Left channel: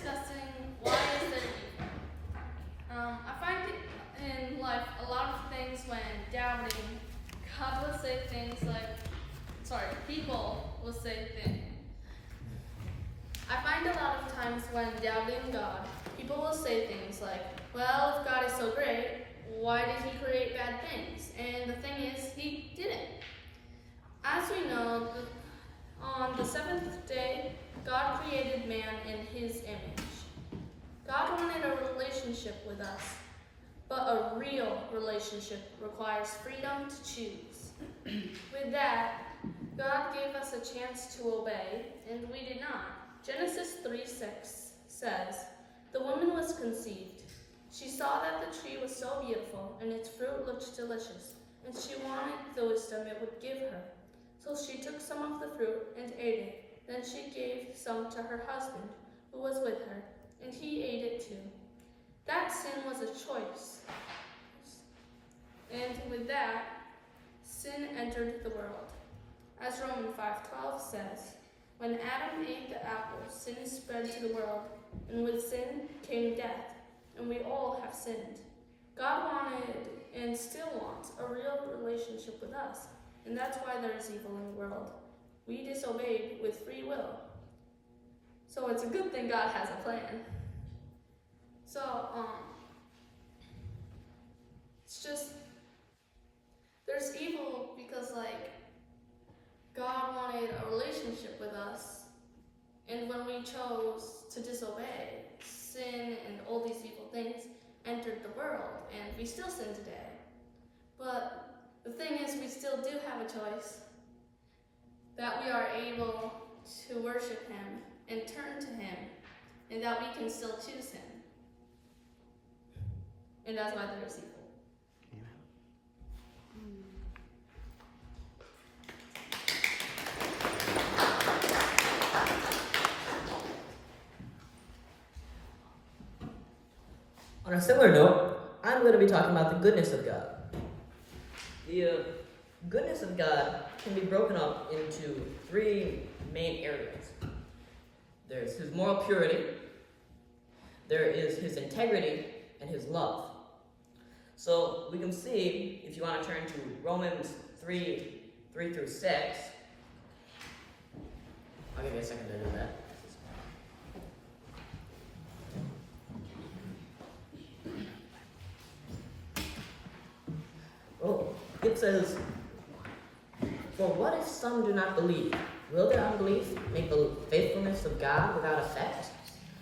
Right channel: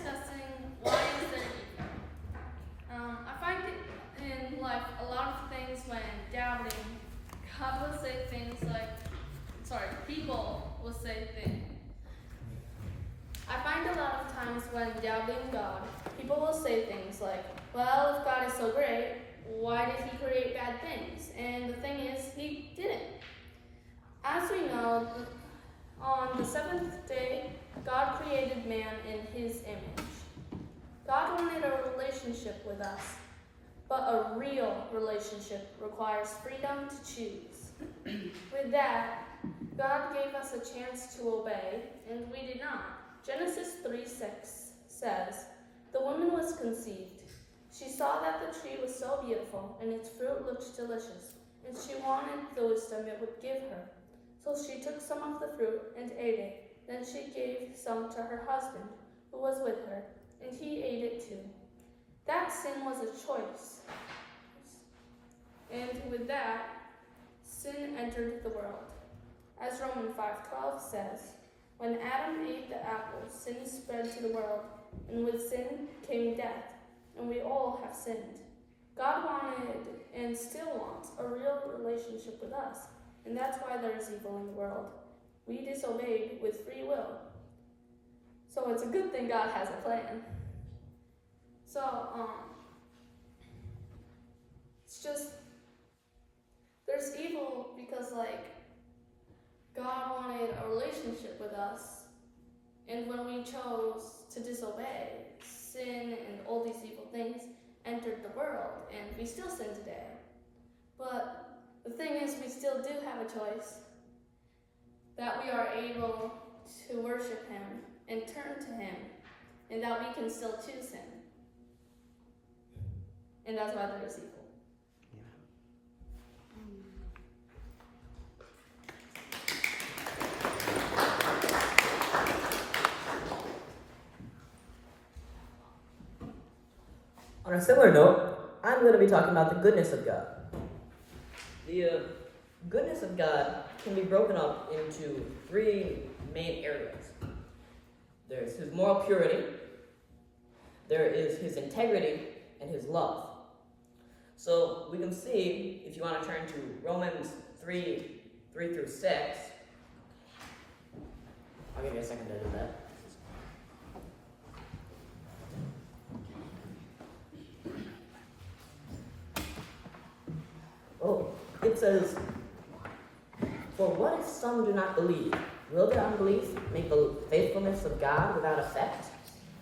discussing why is there evil. I find it in life a lot of things when doubting, God will say things like, people will say things. I find a lot of times when doubting God, people will say things like, well, if God is so great, why did he create bad things? And the thing is, he didn't. As we know, on the seventh day, God created man in his image. God wanted a relationship with us, but a real relationship requires freedom to choose. With that, God gave us a chance to obey, and we did not. Genesis 3:6 says, "The woman was conceived. She saw that the tree was so beautiful, and its fruit looked delicious, and she wanted the wisdom it would give her. So she took some of the fruit and ate it. Then she gave some to her husband, who was with her, and he ate it too." That sin was a choice. And with that, sin entered the world. As Romans 5:12 says, "When Adam ate the apple, sin spread to the world, and with sin came death, and we all have sinned." God wanted and still wants a real relationship with us, and that's why there is evil in the world. We disobeyed with free will. So it's a good thing God has a plan. So, it's just, there's evil because, God wanted a relationship with us, and when we chose to disobey, sin and all these evil things entered the world, and we still sin today. But the thing is, we still do have a choice, that we are able to worship him and turn to him, and that we can still choose him. And that's why there is evil. On a similar note, I'm going to be talking about the goodness of God. The goodness of God can be broken up into three main areas. There's his moral purity, there is his integrity, and his love. So we can see, if you want to turn to Romans 3:3-6, I'll give you a second to do that. It says, "For what if some do not believe? Will their unbelief make the faithfulness of God without effect?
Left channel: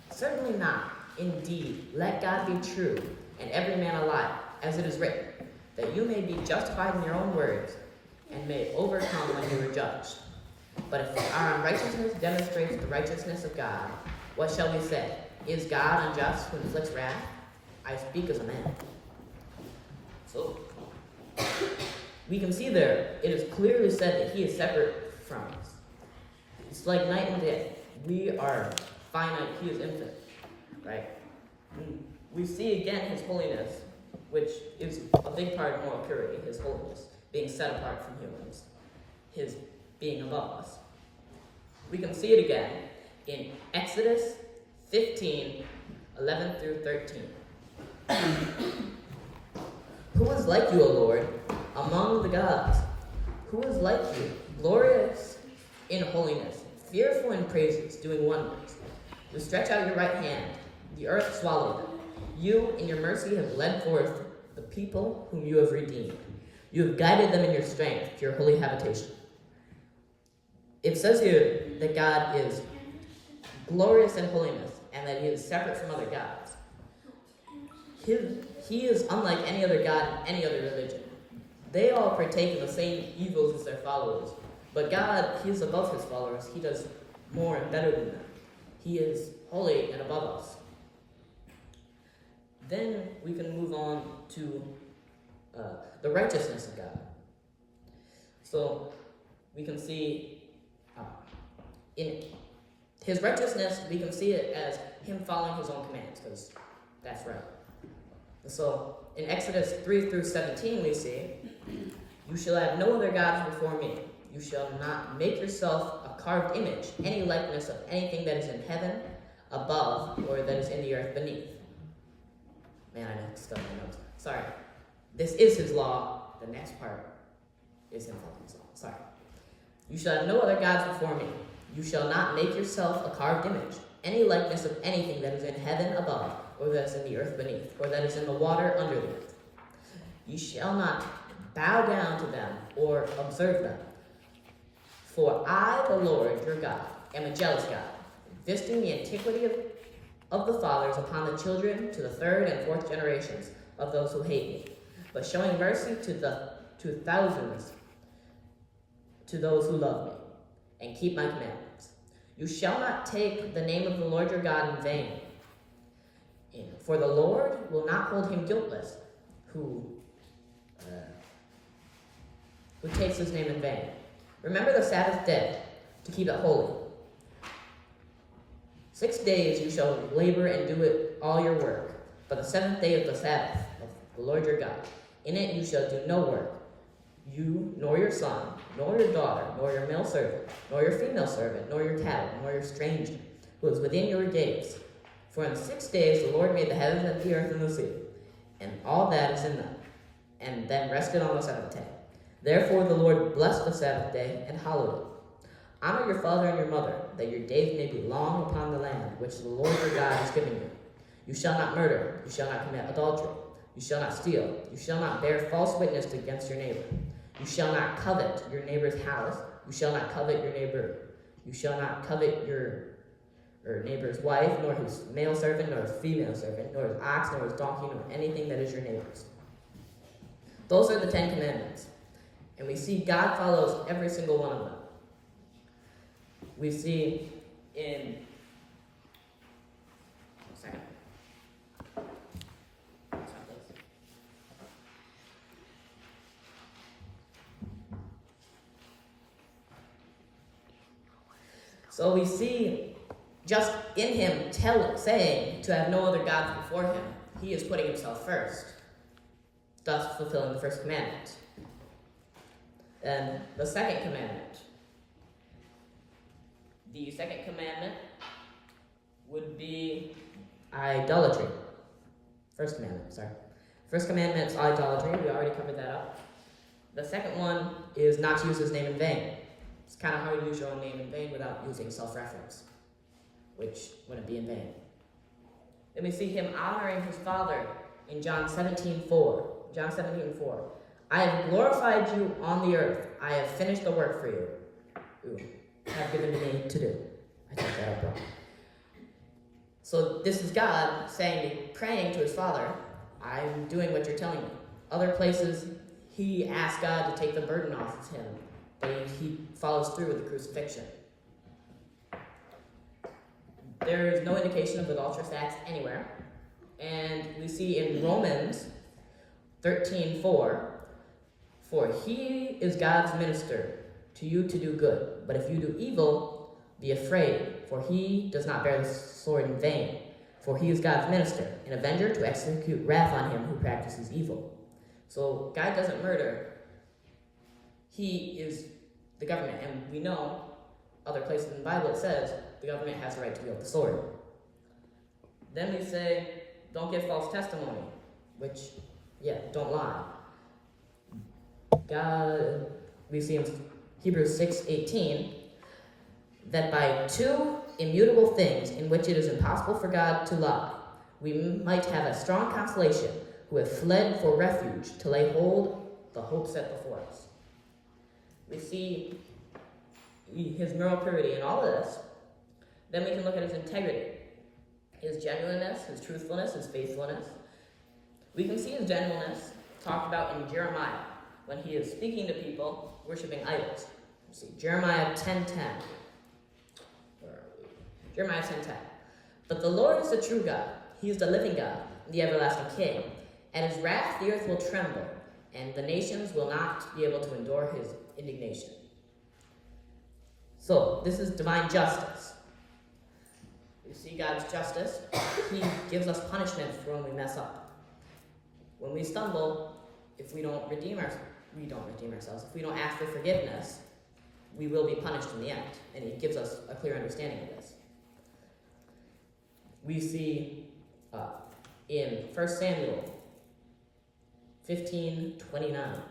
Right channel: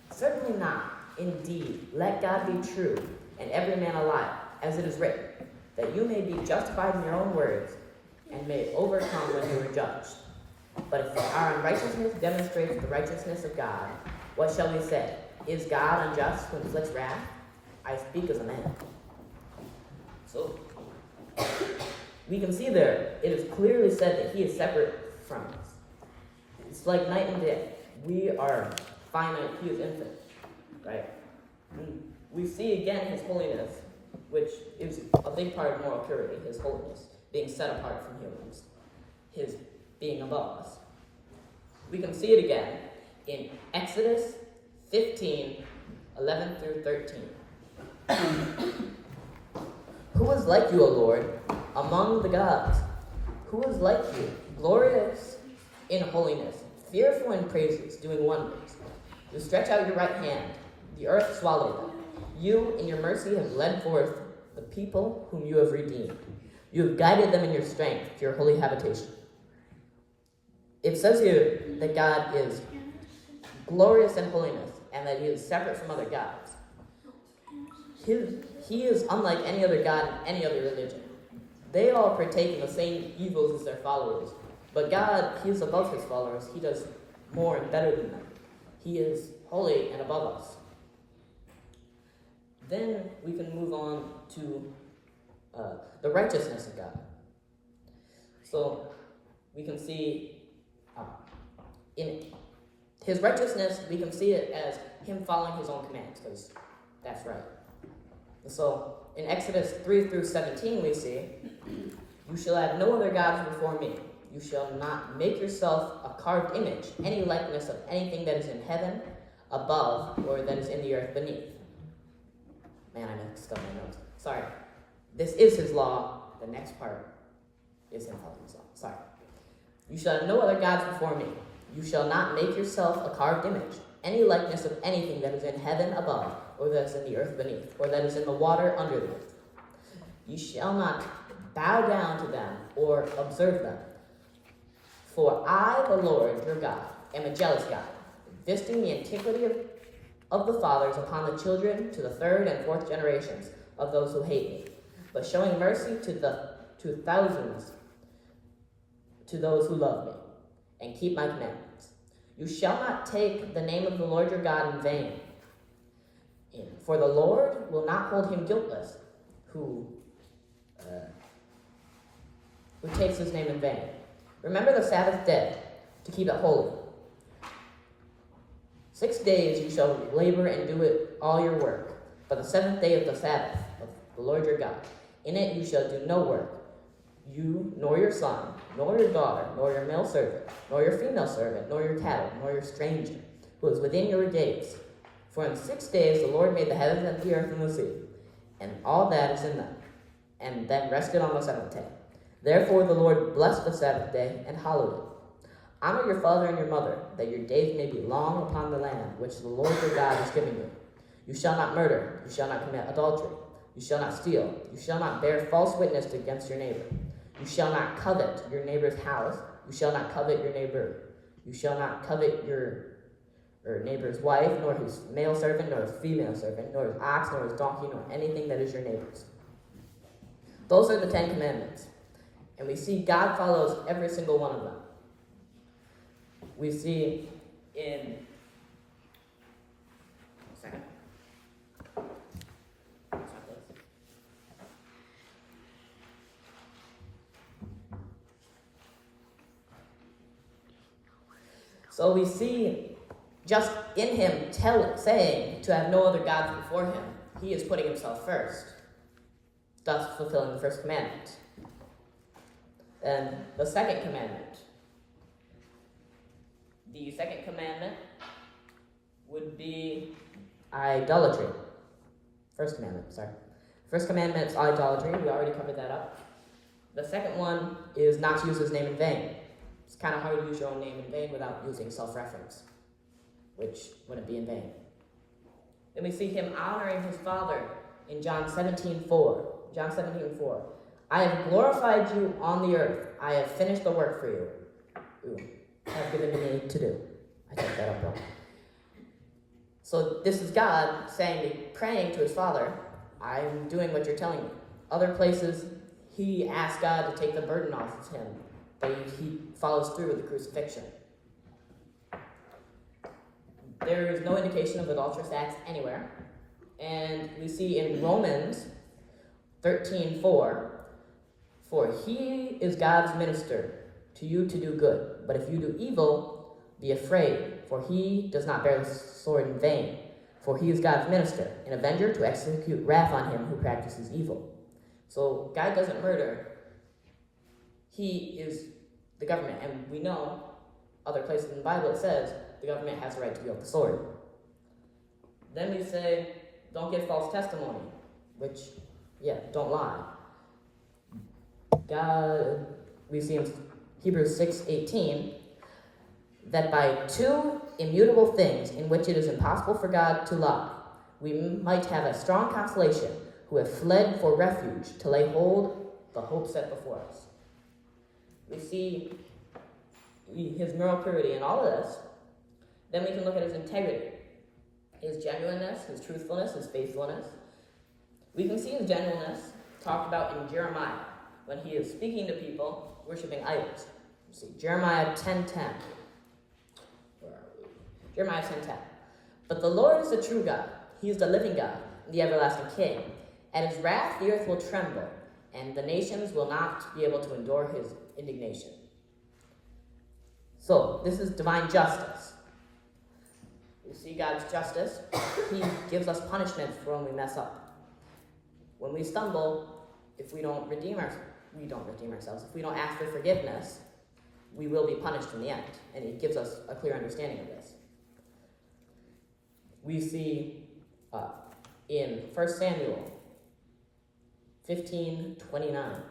Certainly not. Indeed, let God be true, and every man a liar, as it is written, that you may be justified in your own words, and may overcome when you are judged. But if our unrighteousness demonstrates the righteousness of God, what shall we say? Is God unjust who inflicts wrath? I speak as a man." So, we can see there, it is clearly said that he is separate from us. It's like night and day. We are finite, he is infinite, right? And we see again his holiness, which is a big part of moral purity, his holiness, being set apart from humans, his being above us. We can see it again in Exodus 15:11-13. "Who is like you, O Lord, among the gods? Who is like you, glorious in holiness, fearful in praises, doing wonders? You stretch out your right hand, the earth swallowed them. You, in your mercy, have led forth the people whom you have redeemed. You have guided them in your strength to your holy habitation." It says here that God is glorious in holiness and that he is separate from other gods. He is unlike any other god in any other religion. They all partake in the same evils as their followers. But God, he is above his followers. He does more and better than them. He is holy and above us. Then we can move on to the righteousness of God. So we can see in his righteousness, we can see it as him following his own commands, because that's right. So in Exodus 3-17, we see, "You shall have no other gods before me. You shall not make yourself a carved image, any likeness of anything that is in heaven above or that is in the earth beneath. Man, I mixed up my notes. Sorry. This is his law. The next part is him following his law. Sorry. You shall have no other gods before me. You shall not make yourself a carved image, any likeness of anything that is in heaven above, or that is in the earth beneath, or that is in the water under the earth. You shall not bow down to them or observe them. For I, the Lord your God, am a jealous God, visiting the iniquity of the fathers upon the children to the third and fourth generations of those who hate me, but showing mercy to thousands to those who love me and keep my commandments. You shall not take the name of the Lord your God in vain, for the Lord will not hold him guiltless who takes his name in vain. Remember the Sabbath day to keep it holy. 6 days you shall labor and do it all your work, but the seventh day of the Sabbath of the Lord your God, in it you shall do no work, you, nor your son, nor your daughter, nor your male servant, nor your female servant, nor your cattle, nor your stranger, who is within your gates. For in 6 days the Lord made the heavens and the earth and the sea, and all that is in them, and then rested on the seventh day. Therefore the Lord blessed the Sabbath day and hallowed it. Honor your father and your mother, that your days may be long upon the land which the Lord your God is giving you. You shall not murder, you shall not commit adultery, you shall not steal, you shall not bear false witness against your neighbor. You shall not covet your neighbor's house, you shall not covet your neighbor, you shall not covet your neighbor's wife, nor his male servant, nor his female servant, nor his ox, nor his donkey, nor anything that is your neighbor's. Those are the 10 Commandments. And we see God follows every single one of them. We see in... a second. So we see just in him saying to have no other gods before him, he is putting himself first, thus fulfilling the first commandment. And the second commandment. The second commandment would be idolatry. First commandment, sorry. First commandment is idolatry. We already covered that up. The second one is not to use his name in vain. It's kind of hard to use your own name in vain without using self-reference, which wouldn't be in vain. Then we see him honoring his father in John 17:4. John 17:4. I have glorified you on the earth. I have finished the work for you. Have given to me to do. I took that up wrong. So this is God praying to his father, I'm doing what you're telling me. Other places, he asks God to take the burden off of him, but he follows through with the crucifixion. There is no indication of adulterous acts anywhere. And we see in Romans 13:4, for he is God's minister to you to do good. But if you do evil, be afraid, for he does not bear the sword in vain. For he is God's minister, an avenger to execute wrath on him who practices evil. So God doesn't murder. He is the government. And we know other places in the Bible it says the government has the right to wield the sword. Then we say, don't give false testimony, which, don't lie. God, we see in Hebrews 6:18, that by two immutable things in which it is impossible for God to lie, we might have a strong consolation who have fled for refuge to lay hold the hope set before us. We see his moral purity in all of this. Then we can look at his integrity, his genuineness, his truthfulness, his faithfulness. We can see his genuineness talked about in Jeremiah when he is speaking to people worshiping idols. You see, Jeremiah 10:10. Where are we? Jeremiah 10:10. But the Lord is the true God. He is the living God, the everlasting King. At his wrath the earth will tremble, and the nations will not be able to endure his indignation. So, this is divine justice. We see God's justice. He gives us punishment for when we mess up. When we stumble, if we don't redeem ourselves, if we don't ask for forgiveness, we will be punished in the end, and he gives us a clear understanding of this. We see in 1 Samuel 15:29.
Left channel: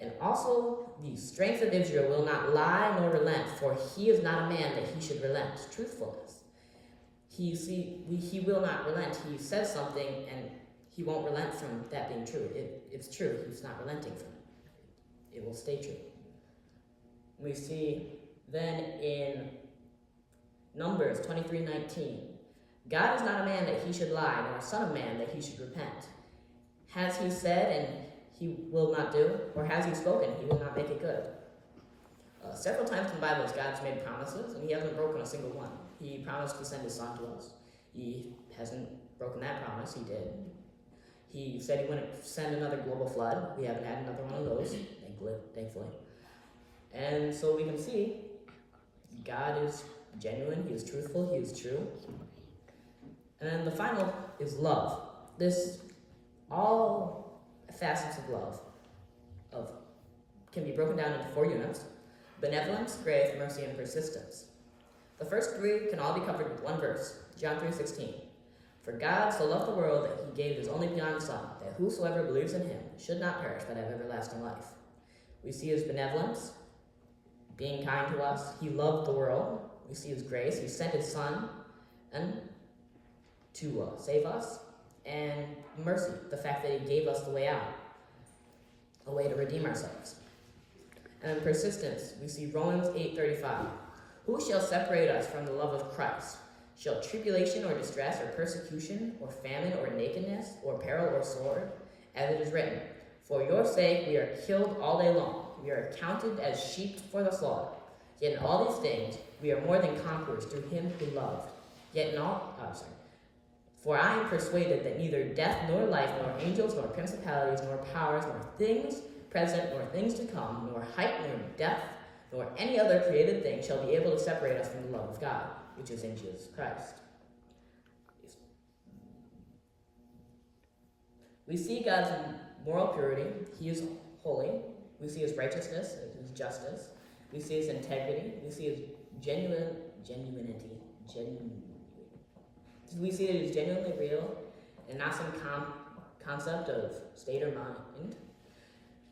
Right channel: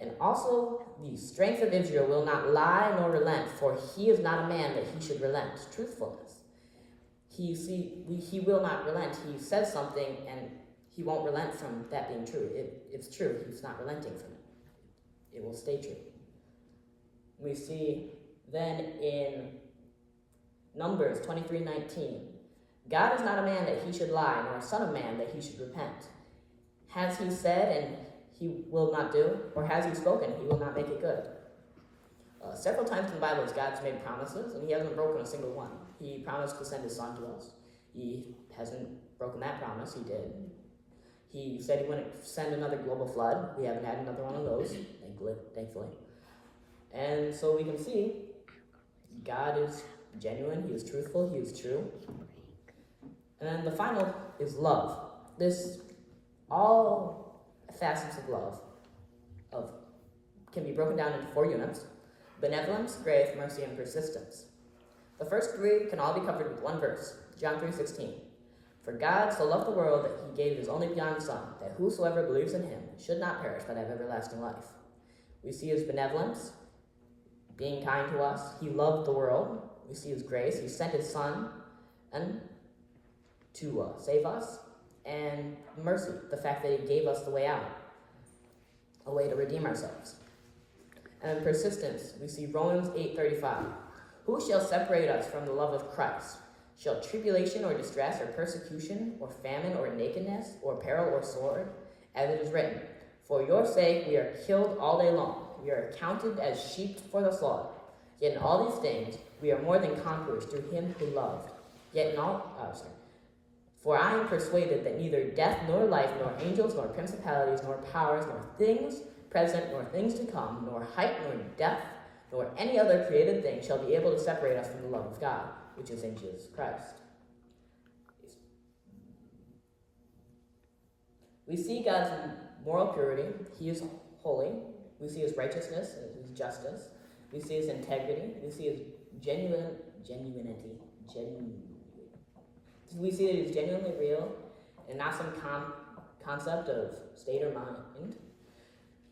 And also, the strength of Israel will not lie nor relent, for he is not a man that he should relent. Truthfulness. He will not relent. He says something, and he won't relent from that being true. It's true. He's not relenting from it. It will stay true. We see then in Numbers 23:19, God is not a man that he should lie, nor a son of man that he should repent. Has he said, and he will not do, or has he spoken, he will not make it good? Several times in the Bible, God's made promises, and he hasn't broken a single one. He promised to send his son to us. He hasn't broken that promise. He did. He said he wouldn't send another global flood. We haven't had another one of those, thankfully. And so we can see God is genuine, he is truthful, he is true. And then the final is love. All facets of love can be broken down into 4 units: benevolence, grace, mercy, and persistence. The first 3 can all be covered with one verse, John 3:16. For God so loved the world that he gave his only begotten Son, that whosoever believes in him should not perish but have everlasting life. We see his benevolence, being kind to us. He loved the world. We see his grace. He sent his Son to save us. And mercy, the fact that he gave us the way out, a way to redeem ourselves. And then persistence, we see Romans 8:35. Who shall separate us from the love of Christ? Shall tribulation or distress or persecution or famine or nakedness or peril or sword? As it is written, for your sake we are killed all day long. We are counted as sheep for the slaughter. Yet in all these things we are more than conquerors through him who loved. For I am persuaded that neither death nor life, nor angels, nor principalities, nor powers, nor things present, nor things to come, nor height, nor depth, nor any other created thing shall be able to separate us from the love of God, which is in Jesus Christ. We see God's moral purity. He is holy. We see his righteousness and his justice. We see his integrity. We see his genuinity. We see that he's genuinely real and not some concept of state or mind.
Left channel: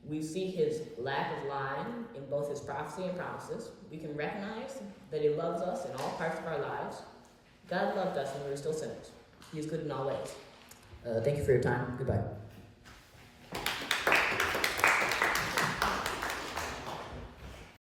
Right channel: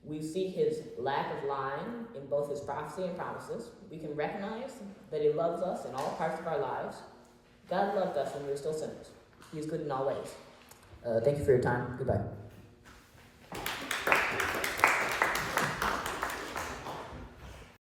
We see his lack of lying in both his prophecy and promises. We can recognize that he loves us in all parts of our lives. God loved us when we were still sinners. He is good in all ways. Thank you for your time. Goodbye.